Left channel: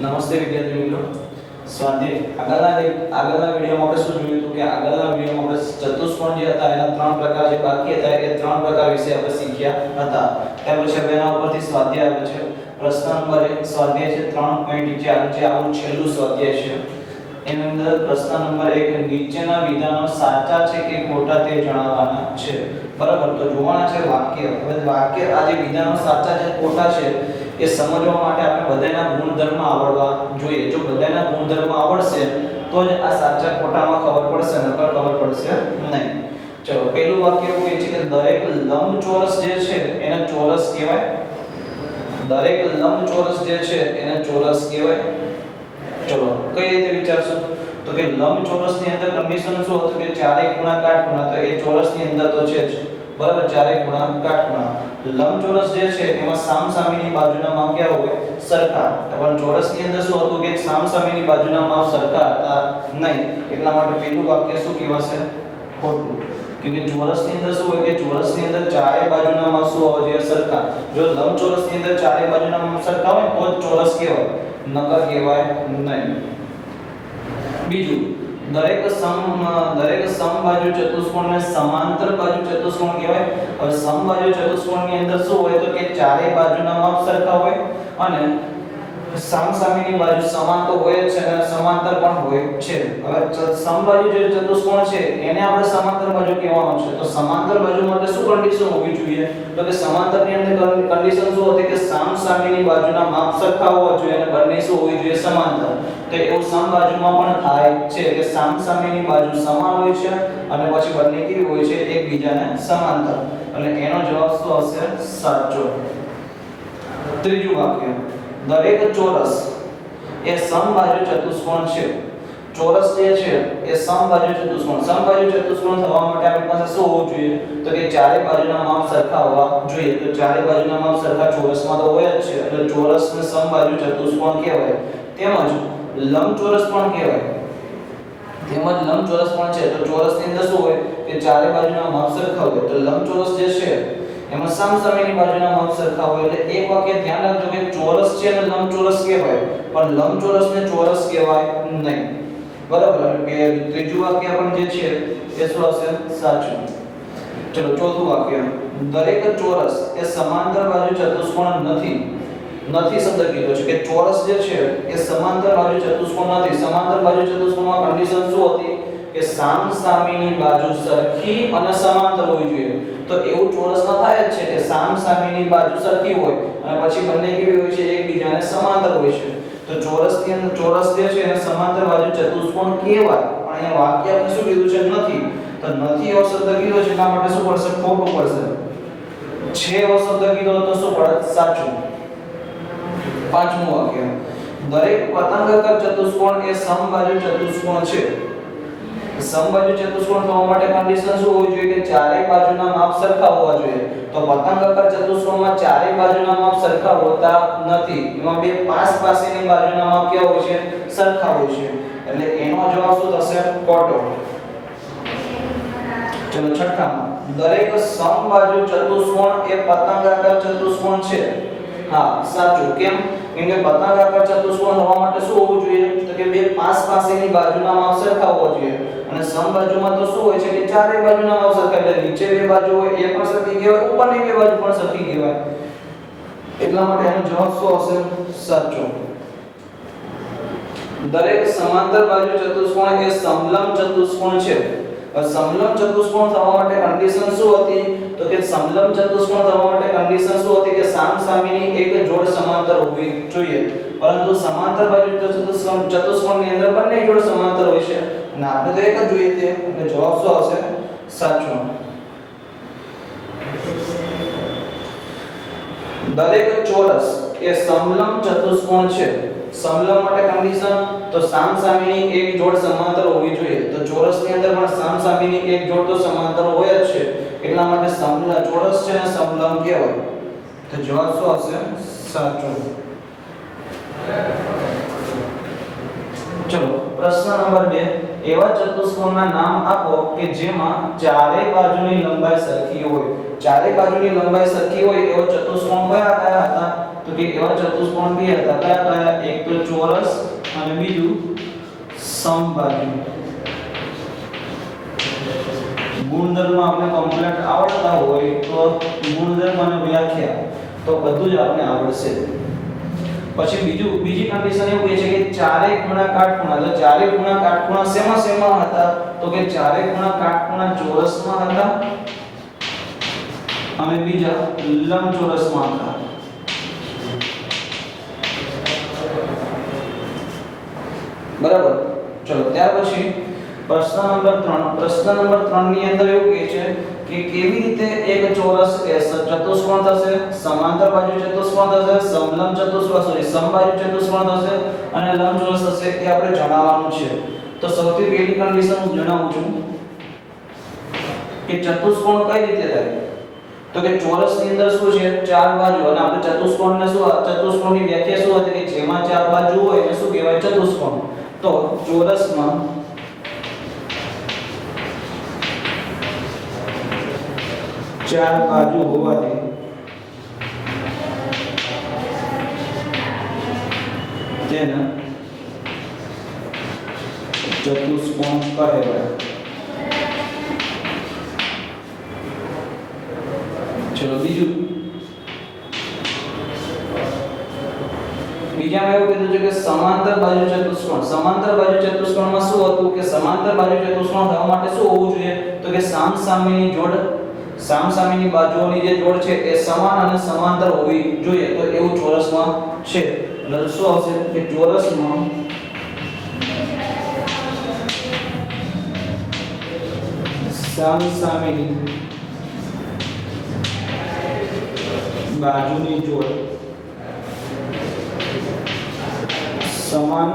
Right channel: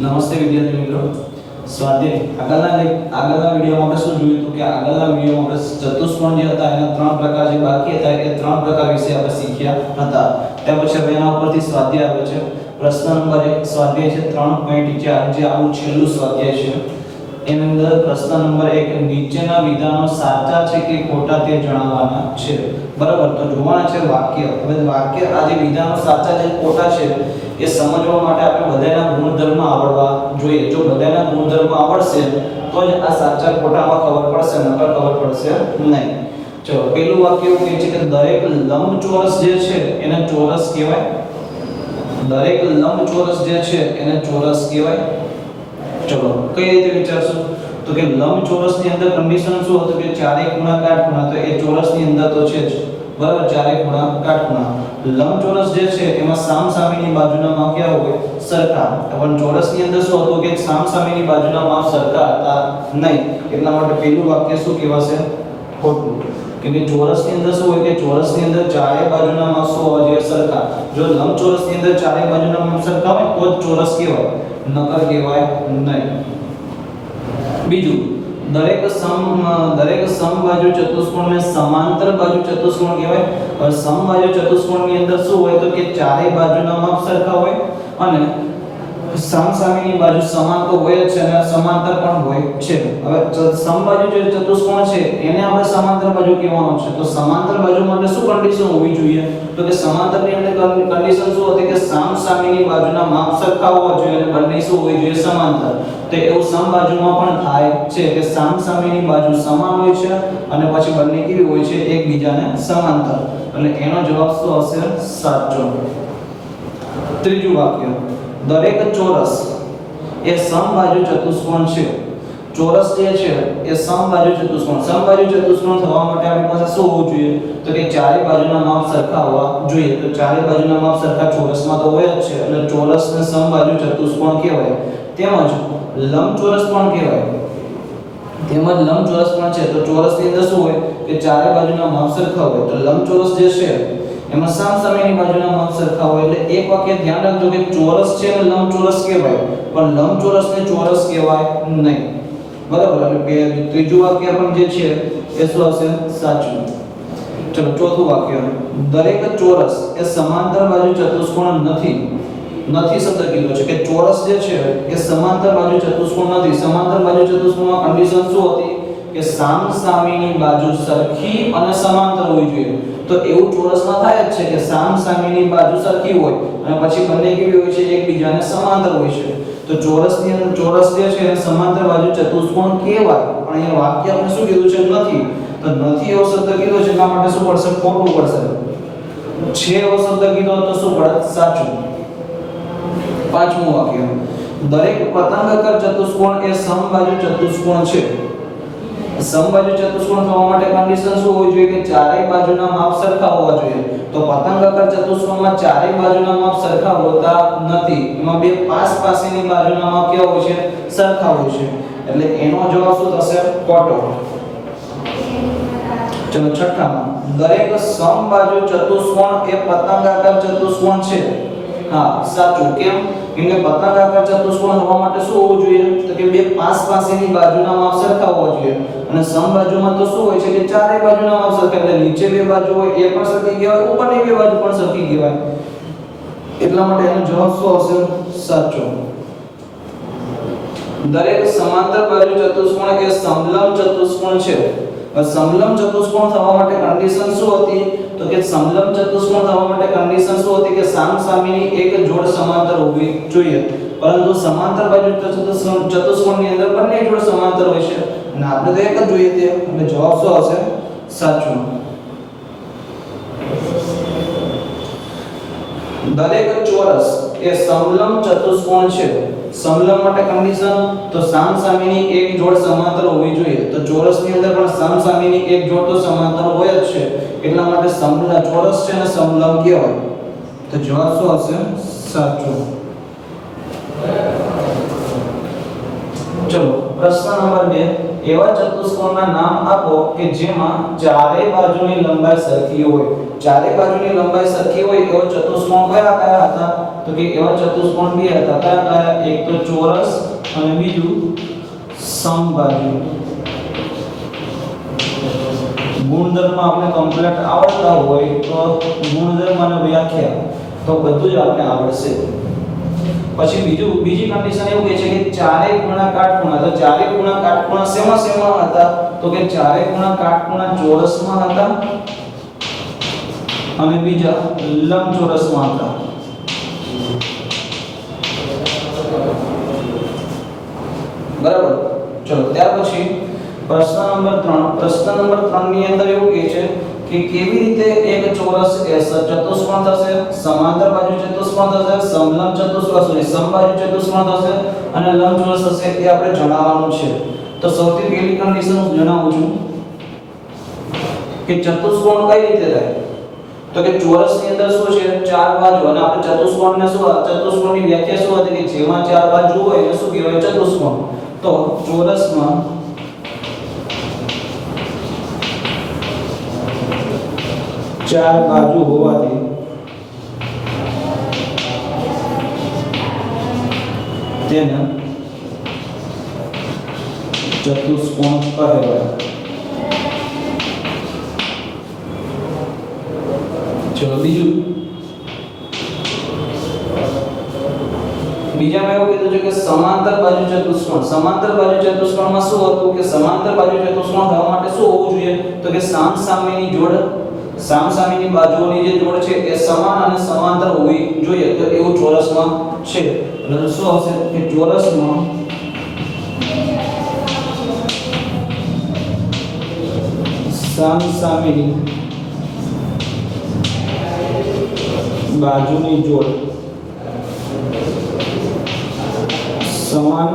નમસ્તે વિદ્યાર્થી મિત્રો. સ્વાધ્યાય આગળના વિડિયોમાં આપણે શું જોયું હતું કે આગળના વિડિયોમાં આપણે ચતુષ્કોણ જે હતા એના ત્રણ પ્રકાર જે બાકી હતા એ ત્રણ પ્રકાર વિશે આપણે શીખ્યા હતા. ત્યાર પછી હવે એના ઉપરથી સ્વાધ્યાય આવે છે. પ્રશ્ન નંબર 1 સ્વાધ્યાય છે 3.4 જે આવું છેલ્લું સ્વાધ્યાય છે. એની અંદર પ્રશ્ન નંબર 1 નીચેના વિધાનો સાચા છે કે ખોટા તે જણાવવાના છે. બરાબર, તો જોવાના છે વાક્ય. હવે વાક્ય આ જે વિધાનો સાચા છે ખોટા છે એ સમજવા માટે આપણે બધાના ગુણધર્મ આવડવા જોઈએ. જો બધાના ગુણધર્મ આવડશે તો જ આ સાચા ખોટામાં ખબર પડશે, નકર ખબર પડશે નહીં. ચલો પહેલું વાક્ય એવું કહે છે કે દરેક લંબચોરસ જે છે એને ચોરસ કહેવાય. દરેક લંબચોરસ જે છે એને ચોરસ કહેવાય. ચલો કઈ રીતે વિચારશું તો કે લંબચોરસની અંદર કન્ડિશન શું હતું કે ચારેય ખૂણા કાટખૂણા, તો એ ચોરસની અંદર તો છે જ. બરાબર, ચારેય ખૂણા કાટખૂણા. લંબચોરસ જે છે એમાં સામસામેની બાજુના માપ કેવા હોય? સરખા. પણ ચોરસની અંદર શું હતું કે સામસામેની બાજુના માપ સરખા હતા નહીં. એટલા માટે પહેલું વાક્ય શું કહેવાશે? ખોટું. કેમ કે ચોરસની અંદર શું હોય કે ચોરસની અંદર ચારેય બાજુના માપ શું હોવા જોઈએ? સરખા. જો લંબચોરસની અંદર ચારેય બાજુના માપ સરખા હોય તો જ ચોરસ કહેવાય, નકર કહેવાય નહીં. બીજું, દરેક સમબાજુ ચતુષ્કોણને સમાંતર બાજુ ચતુષ્કોણ કહેવાય. હવે સમબાજુ ચતુષ્કોણની અંદર શું હોય તો કે ચારેય બાજુના માપ સરખા હોય અને સામસામેની બાજુ સમાન તો હોય જ છે અને સમાંતર પણ હોય છે. હવે સમબાજુ જે ચતુષ્કોણ છે એને આપણે સમાંતર બાજુ કહેવાનો છે. તો સમાંતર બાજુ માટે શું કન્ડિશન હોવી જોઈએ? તો કે સમાંતરની અંદર કન્ડિશન શું હતી કે સામસામેની બાજુના માપ સરખા હોવા જોઈએ અને બંને શું હોવી જોઈએ? સમાંતર. તો એવું સમબાજુમાં પણ થાય છે કે સામસામેની બાજુ સમાન હોય છે અને પછી બંને કેવી હોય છે? એકબીજાને સમાંતર. એટલે એનો જવાબ શું હશે? સાચો. ત્રીજું વાક્ય, દરેક ચોરસ એ સમબાજુ ચતુષ્કોણ છે. ચોરસ જે છે એ સમબાજુ ચતુષ્કોણ. સમબાજુ ચતુષ્કોણ થવા માટે આપણી પાસે શું હોવું જોઈએ? તો કે ચારે બાજુના માપ સરખા હોવા જોઈએ. તો ચારે બાજુના માપ સરખા ચોરસમાં તો હોય જ છે. એટલે ચોરસને સમબાજુ ચતુષ્કોણ કહેવાય. તેમજ લંબચોરસ પણ કહેવાય. લંબચોરસ પણ છે. તો ચોરસની અંદર શું હોય કે ચારે બાજુના માપ સરખા હોય. તો લંબચોરસ જે છે એમાં સામસામેની બાજુના માપ સરખા હોય. એટલે એક વાક્ય ધ્યાન રાખજો કે ચોરસ છે અને લંબચોરસ કહેવાય, પણ લંબચોરસને ચોરસ કહેવાય નહીં. બરાબર. એટલે ત્રીજું વાક્ય પણ જે છે એ શું હશે? સાચું. ચલો ચોથું વાક્ય, દરેક ચોરસ એ સમાંતર બાજુ ચતુષ્કોણ નથી. નથી શબ્દ કીધો છે કે ચોરસ જે છે એ સમાંતર બાજુ ચતુષ્કોણ નથી. સમાંતર બાજુ ચતુષ્કોણમાં કન્ડિશન શું હતી કે સામસામેની બાજુ સરખી અને સમાંતર હોવી જોઈએ. તો એવું ચોરસમાં થાય જ છે કે સામસામેની બાજુ સરખી હોય અને પછી બંને કેવી હોય છે? એકબીજાને સમાંતર હોય છે. તો ચોરસની અંદર ચોરસ જે છે એને સમાંતર બાજુ ચતુષ્કોણ કહેવાય. પણ એ વાક્ય આપણે શું કીધું છે? નથી. તો નથી એવો શબ્દ કીધો છે એટલા માટે શું પડશે? ખોટું પડશે. છે એવો શબ્દ કીધો તો શું પડે? સાચું. પાંચમું વાક્ય, દરેક પતંગાકાર ચતુષ્કોણ એ સમબાજુ ચતુષ્કોણ છે. સમબાજુ ચતુષ્કોણ થવા માટે કન્ડિશન શું હોવી જોઈએ કે ચારેય બાજુના માપ સરખા હોવા જોઈએ. તો પતંગાકાર ચતુષ્કોણમાં ચારેય બાજુના માપ સરખા હોતા નથી. એમાં બે પાસેની બાજુના માપ કેવા હોય છે? સરખા હોય છે. એટલે એનો જવાબ શું થશે? ખોટો. ચલો છઠ્ઠામાં, દરેક સમબાજુ ચતુષ્કોણ એ પતંગાકાર ચતુષ્કોણ છે. હા, સાચું. કેમ? કેમ કે પતંગાકાર ચતુષ્કોણ હોવા માટે શું હોવું જોઈએ? તો કે બે પાસેની બાજુના માપ સરખા હોવા જોઈએ. અને સમબાજુમાં તો શું હોય છે કે ચારેય બાજુના માપ સરખા. એટલે નીચે બે બાજુ હોય એ પણ સરખી કહેવાય, ઉપરની બે બાજુ પણ સરખી કહેવાય. એટલા માટે એનો જવાબ શું હશે? સાચો. દરેક સમાંતર બાજુ ચતુષ્કોણ એ સમલંબ ચતુષ્કોણ છે. સમલંબ ચતુષ્કોણ થવા માટે કન્ડિશન શું હતી? તો કે સમલંબ ચતુષ્કોણ થવા માટે કન્ડિશન શું હતી કે સામસામેની એક જોડ સમાંતર હોવી જોઈએ. પરંતુ સમાંતર બાજુ ચતુષ્કોણની અંદર બંને જોડ સમાંતર હોય છે અને આપણે તો એક જ જોઈએ તે. એટલે જવાબ શું હશે? સાચો. દરેક ચોરસ એ સમલંબ ચતુષ્કોણ છે. સમલંબ માટે કન્ડિશન તો સામસામેની એક જોડ સમાંતર હોવી જોઈએ. તો ચોરસની અંદર પણ સામસામેની એક જોડ તો સમાંતર હોય જ છે. એટલા માટે ચોરસ છે ને સમલંબ કહેવાય. તો જવાબ શું હશે? સાચો. ચલો પ્રશ્ન નંબર 2, એવા ચતુષ્કોણના નામ આપો કે જેમાં ચારેય બાજુની લંબાઈ સરખી હોય. ચારેય બાજુની લંબાઈ સરખી હોય એવો ચતુષ્કોણ કયા કયા હતા? તો કે એવા ચતુષ્કોણ બે હતા કયા કયા એક તો ચોરસ અને બીજું સમબાજુ ગુણધર્મ આપણે કમ્પ્લીટ આવડતા હોય તો ગુણધર્મ અને વ્યાખ્યા તો બધું જ આપણે આવડશે પછી બીજી કન્ડિશન એવું કહે છે કે ચારે ખૂણા કાટખૂણા તો ચારે ખૂણા કાટખૂણા શેમાં હતા તો કે ચારે ખૂણા કાટખૂણા ચોરસમાં હતા અને બીજા લંબચોરસમાં હતા બરાબર ચલો ત્યાર પછી પ્રશ્ન નંબર 3 ની અંદર એવું કહે છે કે કેવી રીતે એક ચોરસ ચતુષ્કોણ થશે સમાંતર બાજુ ચતુષ્કોણ થશે સમલંબ ચતુષ્કોણ સમબાજુ ચતુષ્કોણ થશે અને લંબચોરસ થશે તે આપણે જણાવવાનું છે તો સૌથી પહેલી કન્ડિશન હું જણાવું છું કે ચતુષ્કોણ કઈ રીતે થાય તો કે ચોરસ ની અંદર શું છે ચાર બાજુ અને આપણે ચતુષ્કોણને ચતુષ્કોણની વ્યાખ્યા શું હતી કે જેમાં ચાર બાજુ હોય એને શું કહેવાય ચતુષ્કોણ તો ચોરસમાં ચાર બાજુ હોવાથી તેને ચતુષ્કોણ કહેવાય ચલો બીજામાં એવું કીધું છે કે સમાંતર બાજુ ચતુષ્કોણમાં શું હતું કે સમાંતર બાજુ ચતુષ્કોણ થવા માટે શું હોવું જોઈએ તો કે સામસામેની બાજુઓની જે જોડ છે એ સમાન અને સમાંતર હોવી જોઈએ તો એવું ચોરસમાં છે એટલે શું આવશે કે ચોરસમાં સામસામેની બાજુની જોડ સમાન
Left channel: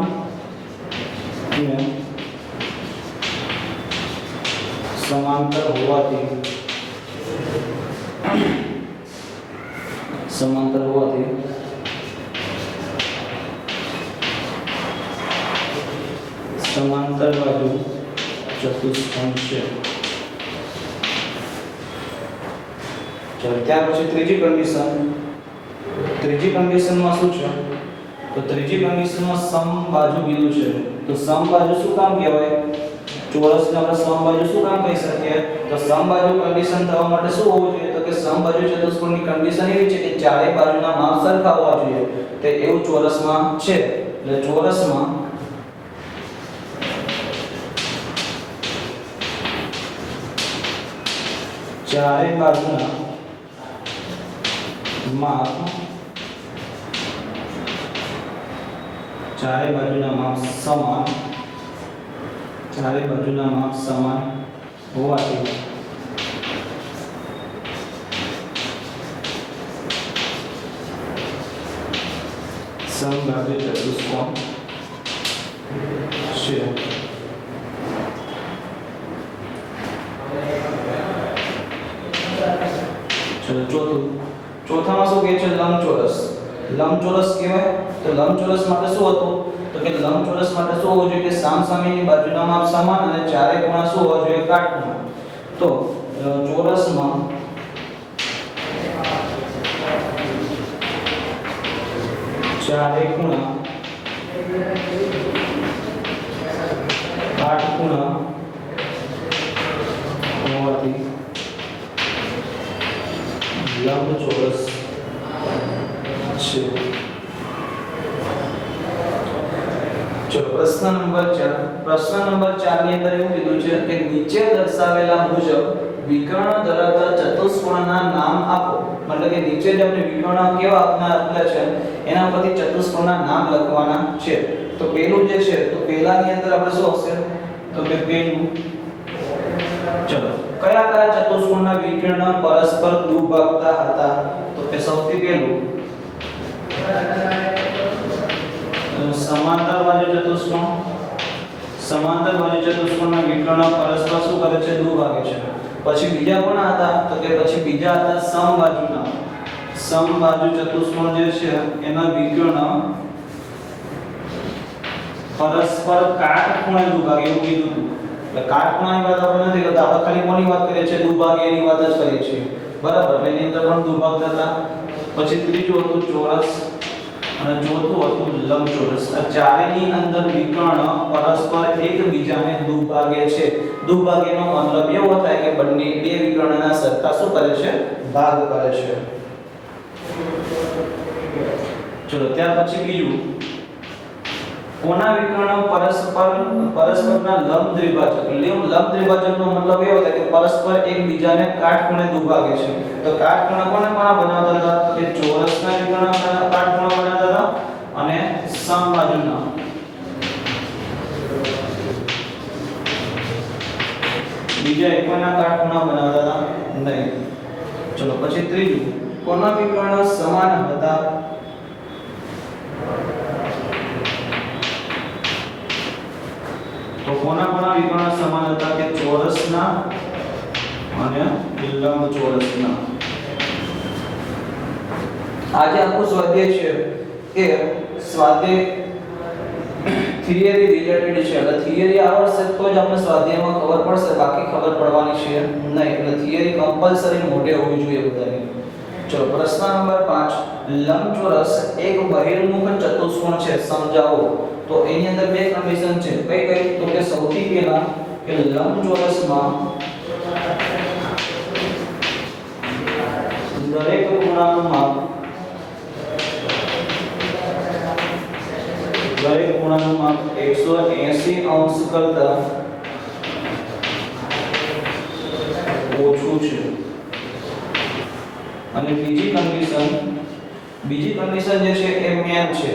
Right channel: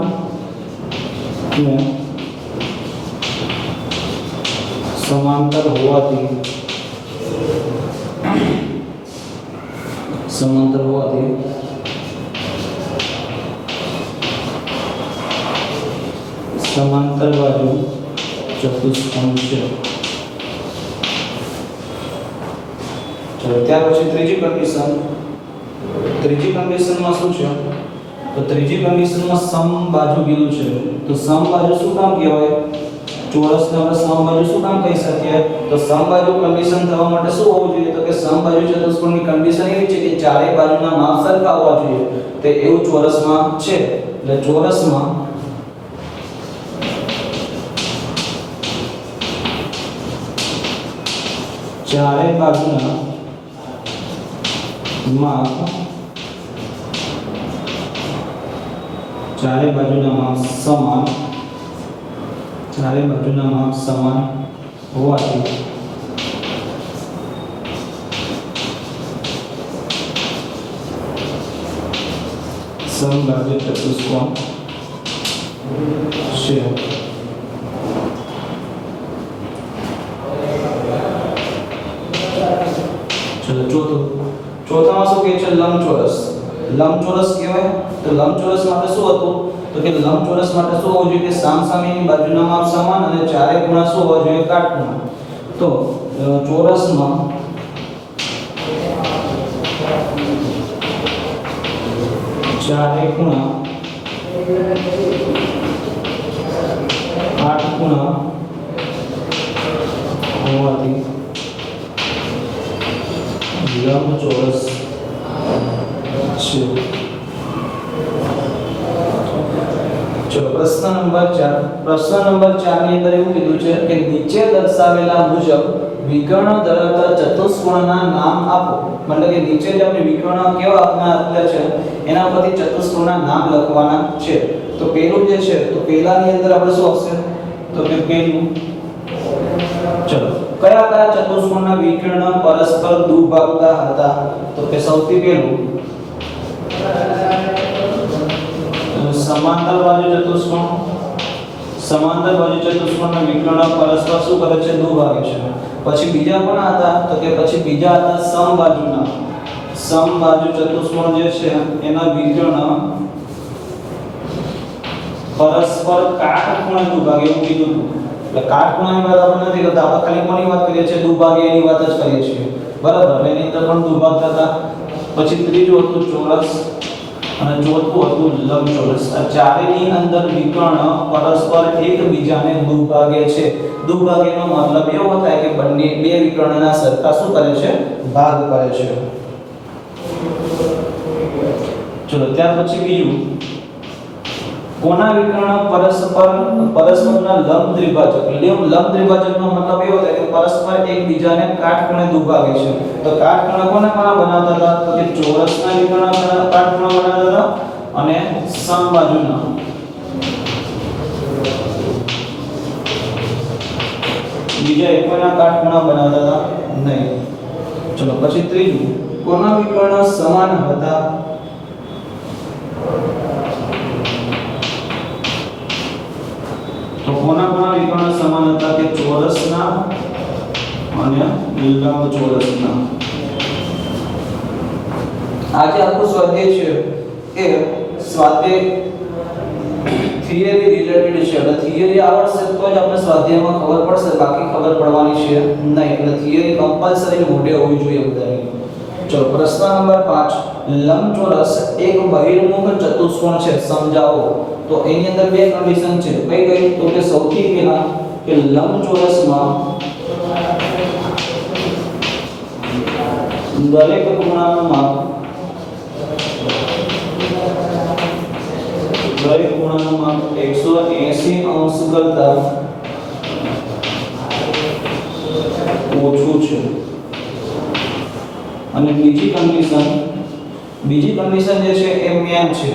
ને સમાંતર હોવાથી સમાંતર બાજુ ચતુષ્કોણ છે ત્યાર પછી ત્રીજી કન્ડિશનમાં શું છે તો ત્રીજી કન્ડિશનમાં સમબાજુ કીધું છે તો સમબાજુ શું કામ કહેવાય ચોરસને આપણે સમબાજુ શું કામ કહી શકીએ તો સમબાજુ કન્ડિશન થવા માટે શું હોવું જોઈએ તો કે સમબાજુ ચતુષ્કોણની કન્ડિશન એવી છે કે ચારે બાજુના માપ સરખા હોવા જોઈએ તે એવું ચોરસમાં છે એટલે ચોરસમાં ચારે બાજુના માપ સમાન હોવાથી સમબાજુ ચતુષ્કોણ છે ચલો ચોથામાં શું કહે છે લંબચોરસ કહેવાય તો લંબચોરસ માટે શું હતું તો કે લંબચોરસ માટે શું હોવું જોઈએ કે સામસામેની બાજુના માપ સમાન અને ચારે ખૂણા શું હોવા જોઈએ કાટખૂણા તો ચોરસમાં ચારે ખૂણા કાટખૂણા હોવાથી લંબચોરસ છે ચલો પ્રશ્ન નંબર 4 ની અંદર એવું કીધું છે કે નીચે દર્શાવેલા મુજબ વિકર્ણ ધરાવતા ચતુષ્કોણના નામ આપો मतलब કે નીચે જે આપણે વિકર્ણ કેવા આપના છે એના ઉપરથી ચતુષ્કોણના નામ લખવાના છે તો પહેલું જે છે તો પહેલાની અંદર આપણે શું આવશે તો કે પહેલું ચલો કયા ચતુષ્કોણના વિકર્ણ પરસ્પર દુભાગતા હતા તો કે સૌથી પહેલું समांतर बाजू चतुष्कोणના વિકર્ણ પરસ્પર શું કરે છે દુભાગે છે પછી બીજા કોના હતા તો કે પછી બીજા હતા સમબાજુ ચતુષ્કોણ જે છે એના વિકર્ણ પરસ્પર કાટખૂણે દુભાગે એવું કીધું હતું એટલે કાટખૂણાની વાત આપણે નથી કરતા આપણે ખાલી કોની વાત કરીએ છીએ દુભાગે એની વાત જ કરીએ છીએ બરાબર એની અંદર પણ દુભાગતા હતા પછી ત્રીજું હતું ચોરસ અને ચોથું હતું લંબચોરસ. આ ચારેયની અંદર વિકર્ણ પરસ્પર એકબીજાને દુભાગે છે. દુભાગ્યનો મતલબ એવો થાય કે બંને બે વિકર્ણના સરખા શું કરે છે? ભાગ કરે છે. ચલો ત્યાર પછી બીજું, કોના વિકર્ણ પરસ્પરના લંબ દ્વિભાજક. લંબ દ્વિભાજકનો મતલબ એવો થાય કે પરસ્પર એકબીજાને કાટખૂણે દુભાગે છે. તો કાટખૂણે કોના બનાવતા હતા? તો કે ચોરસના વિકર્ણ કાટખૂણા બનાવતા હતા અને સમબાજુના બીજા એકના કાટખૂણા બનાવતા હતા નહીં. ચલો પછી ત્રીજું, કોના વિકર્ણ સમાન હતા? તો કોના વિકર્ણ સમાન હતા? કે ચોરસના અને લંબચોરસના. આજે આખું સ્વાધ્યાય છે કે સ્વાધ્યાય થિયરી રિલેટેડ છે. એટલે થિયરી આવડશે તો જ આપણે સ્વાધ્યાયમાં ખબર પડશે, બાકી ખબર પડવાની છે નહીં. એટલે થિયરી કમ્પલસરી મોઢે હોવી જોઈએ બધાની. ચલો પ્રશ્ન નંબર 5, લંબચોરસ એક બહિર્મુખ ચતુષ્કોણ છે, સમજાવો. તો એની અંદર બે કન્ડિશન છે. કઈ કઈ? તો કે સૌથી પહેલા કે લંબચોરસમાં દરેક ખૂણાનું માપ 180 અંશ કરતા ઓછું છે. અને બીજી કન્ડિશન જે છે એ મેમ છે.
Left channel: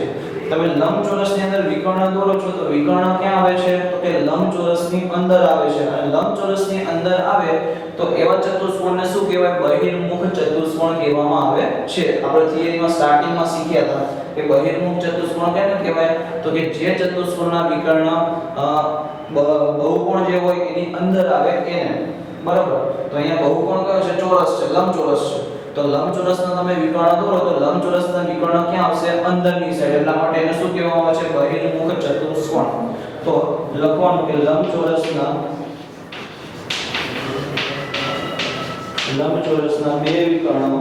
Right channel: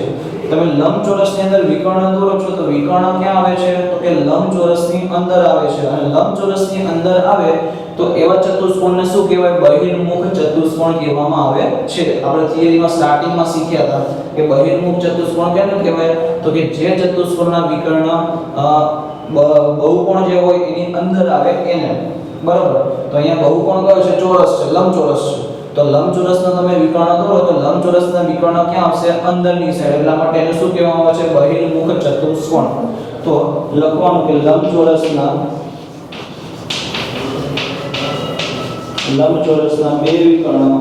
તમે લંબચોરસની અંદર વિકર્ણ દોરો છો તો વિકર્ણ ક્યાં આવે છે? તો કે લંબચોરસની અંદર આવે છે. અને લંબચોરસની અંદર આવે તો એવા ચતુષ્કોણને શું કહેવાય? બહિર્મુખ ચતુષ્કોણ કહેવામાં આવે છે. આપણે થિયરીમાં સ્ટાર્ટિંગમાં શીખ્યા હતા કે બહિર્મુખ ચતુષ્કોણ કેને કહેવાય? તો કે જે ચતુષ્કોણના વિકર્ણ બહુકોણ જે હોય એની અંદર આવે એને. બરાબર? તો અહીંયા બહુકોણ કયો છે? ચોરસ છે, લંબચોરસ છે. તો લંબચોરસનો તમે વિકર્ણ દોરો તો લંબચોરસના વિકર્ણ ક્યાં આવશે? અંદરની સાઈડ. એટલા માટે એને શું કહેવામાં આવે છે? બહિર્મુખ ચતુષ્કોણ. તો લખવાનું કે લંબચોરસના બે વિકર્ણ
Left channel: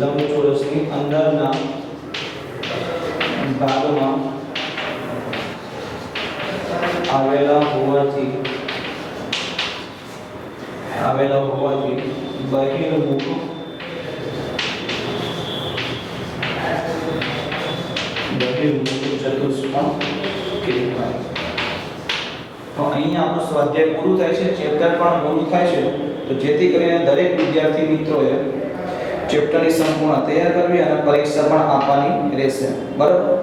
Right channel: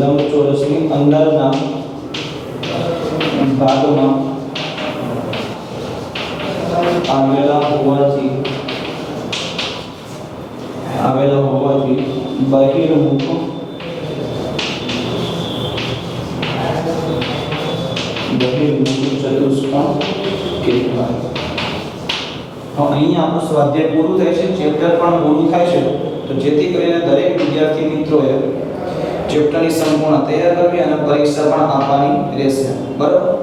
લંબચોરસની અંદરના ભાગમાં આવેલા હોવાથી બહિર્મુખ ચતુષ્કોણ કહેવાય. તો અહીંયા આપણું સ્વાધ્યાય પૂરું થાય છે, ચેપ્ટર પણ પૂરું થાય છે. તો જેથી કરીને દરેક વિદ્યાર્થી મિત્રોએ ચેપ્ટરની સંપૂર્ણ તૈયાર કરવી અને પરીક્ષા પણ આપવાની રહેશે. બરાબર?